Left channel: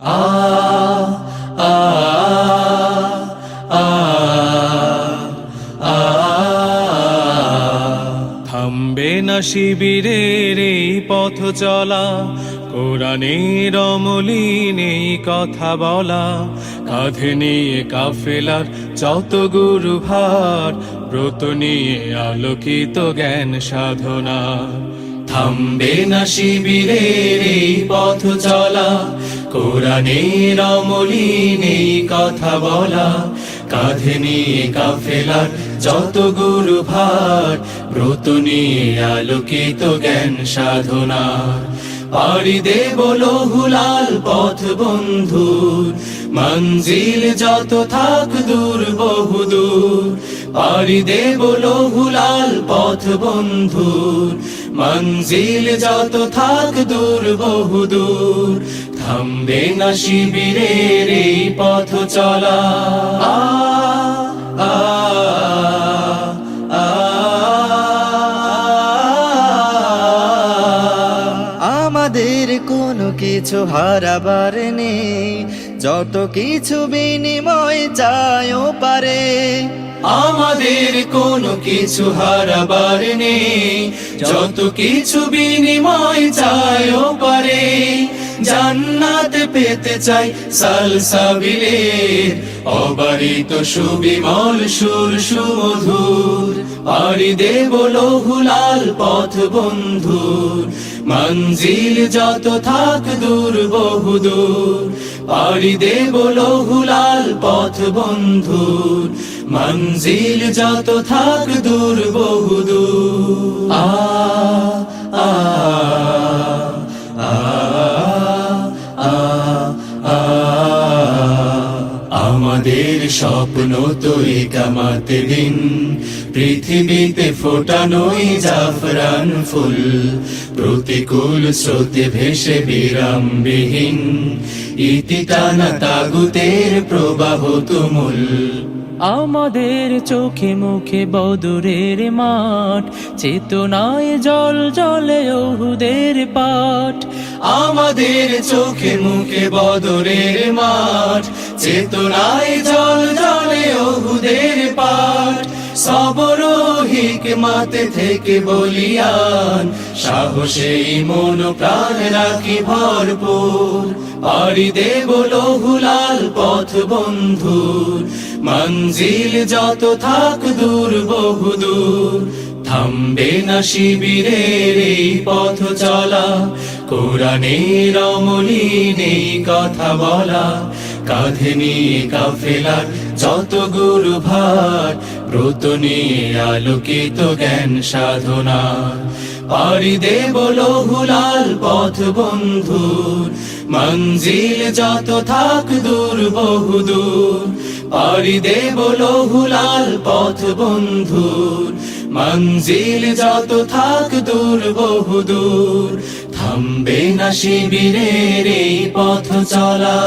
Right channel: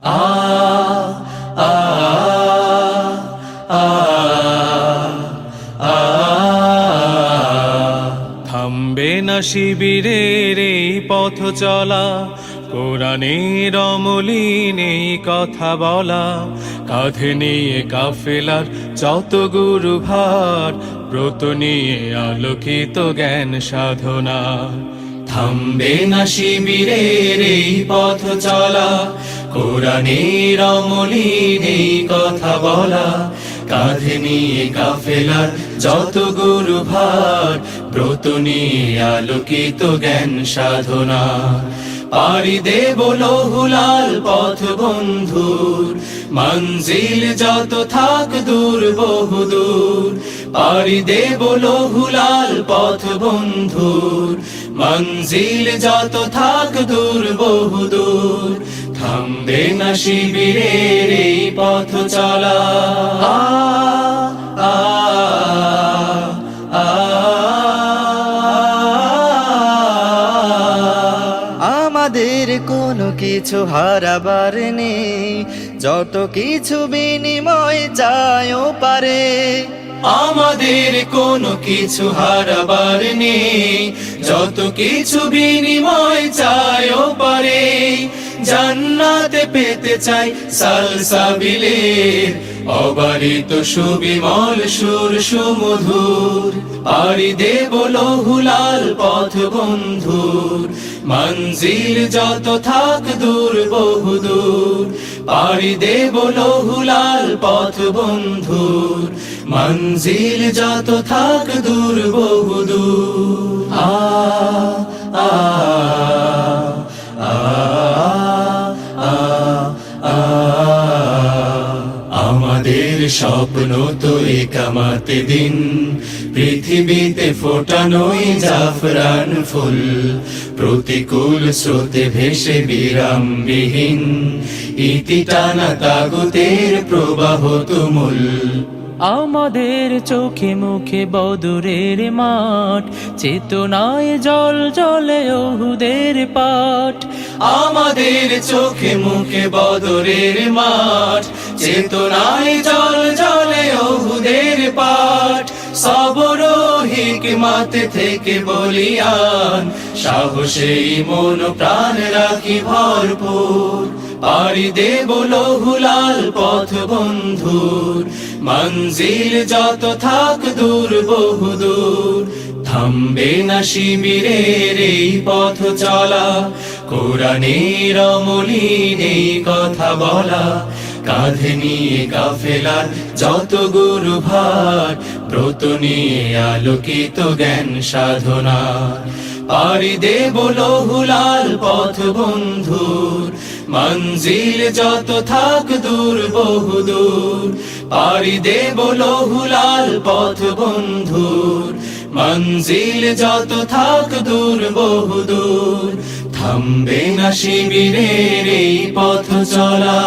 আ আ আ থামবে না শিবিরের এই পথ চলা, কোরআনের অমলিন এই কথা বলা। কাঁধে নিয়ে কাফেলার যত গুরু ভার ব্রত নিয়ে আলোকিত জ্ঞান সাধনা থামবে না শিবিরের এই পথ চলা কোরআনের অমলিন কথা বলা, কাঁধে নিয়ে কাফেলার যত গুরু ভার ব্রত নিয়ে আলোকিত জ্ঞান সাধনা। পাড়ি দেব লহুলাল পথ বন্ধুর, মঞ্জিল যত থাক দূর বহুদূর পাড়ি দেব লহুলাল পথ বন্ধুর, মঞ্জিল যত থাক দূর বহুদূর থামবে না শিবিরের এই পথ চলা। আমাদের কোনো কিছু হারাবার নেই। যত কিছু বিনিময় চায়ও পারে। আমাদের কোনো কিছু হারাবার নেই। যত কিছু বিনিময় পারে জান্নাতে পেতে চাই সালসাবিলের অবারিত সুবিমল সুর সুমধুর। পারি দেব লহুলাল পথ বন্ধুর। মঞ্জিল যত থাক দূর বহুদূর। পাড়ি দেব লহুলাল পথ বন্ধুর। মঞ্জিল যত থাক দূর বহুদূর। আমাদের স্বপ্ন তো কামাতে দিন। পৃথিবীতে ফোটানোই জাফরান ফুল। প্রতিকূল স্রোতে ভেসে বিরামবিহীন। ইতি টানা তাগুতের প্রবাহ তুমুল। আমাদের চোখে মুখে বদুরের মাঠ চেতনায় জল জলে ওহুদের পাঠ। আমাদের চোখে মুখে বদরের মাঠ চেতনায় জল জলে ওহুদের পাঠ। সবর হিকমাত থেকে বলিয়ান, সাহসেই মন প্রাণ রাখি ভরপুর। পাড়ি দেব লহুলাল পথ বন্ধুর, মঞ্জিল যত থাক দূর বহুদূর। থামবে না শিবিরের এই পথ চলা, কোরআনের অমলিন এই কথা বলা কাঁধে নিয়ে কাফেলার যত গুরু ভার, ব্রত নিয়ে আলোকিত জ্ঞান সাধনা। পাড়ি দেব লহুলাল পথ বন্ধুর মঞ্জিল যত থাক দূর বহুদূর পাড়ি দেব লহুলাল পথ বন্ধুর মঞ্জিল যত থাক দূর বহুদূর থামবে না শিবিরের এই পথ চলা